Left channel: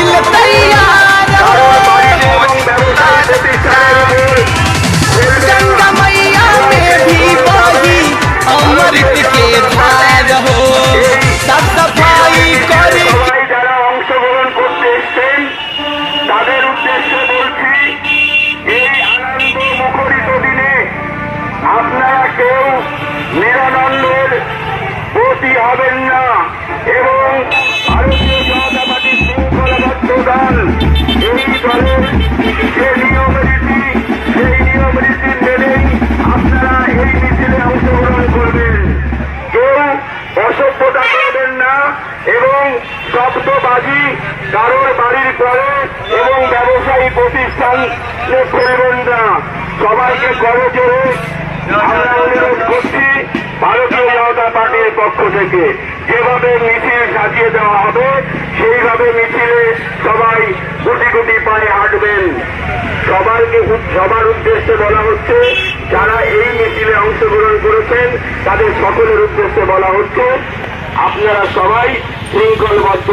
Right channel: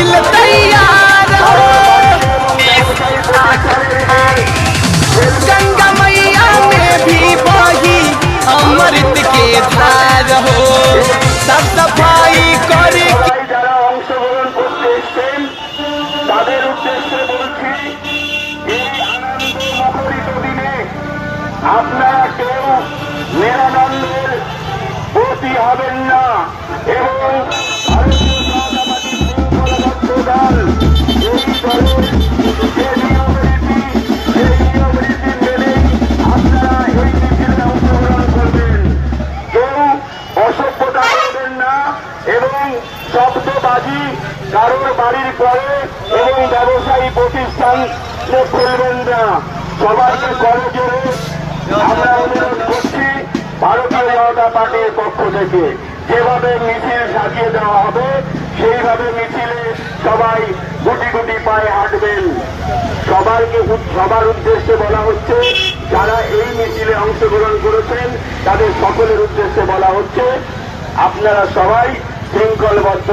भइल तैयार हो। गंगा मैया में भी बही अमृत के धार हो। साफ सफाई करे যারা অংশগ্রহণ করতে এসছেন তাদের উদ্দেশ্যে বলছি, এই আনন্দ মুখরিত দিনে আপনারা কেউ নিরানন্দের প্রতি হবেন না এবং ভারতীয় জনতা পার্টির শৃঙ্খলাবদ্ধ দল এই দলের যে নিয়মরীতি সেই নিয়মরীতি মেনেই আপনারা এই মিছিলে অংশগ্রহণ করবেন। কেউ অসভ্যতা করবেন না এবং শব্দবাজি কারোর বাড়ির পরে এবং ব্যবসায়ী প্রতিষ্ঠান করবেন না। সবাইকে করজোরে আমরা অনুরোধ করছি ভারতীয় জনতা পার্টির পক্ষ থেকে যেভাবে মিছিল সাজিয়ে দেওয়া হবে সেইভাবে মিছিলে সবাই গুটি গুটি পায়ে হাঁটবেন। সবার উদ্দেশ্যে বলা হচ্ছে, যারা এই মিছিলে অংশগ্রহণ করেছেন তাদের সকলের উদ্দেশ্যে বলা হচ্ছে, আপনারা সবাই শৃঙ্খলবদ্ধ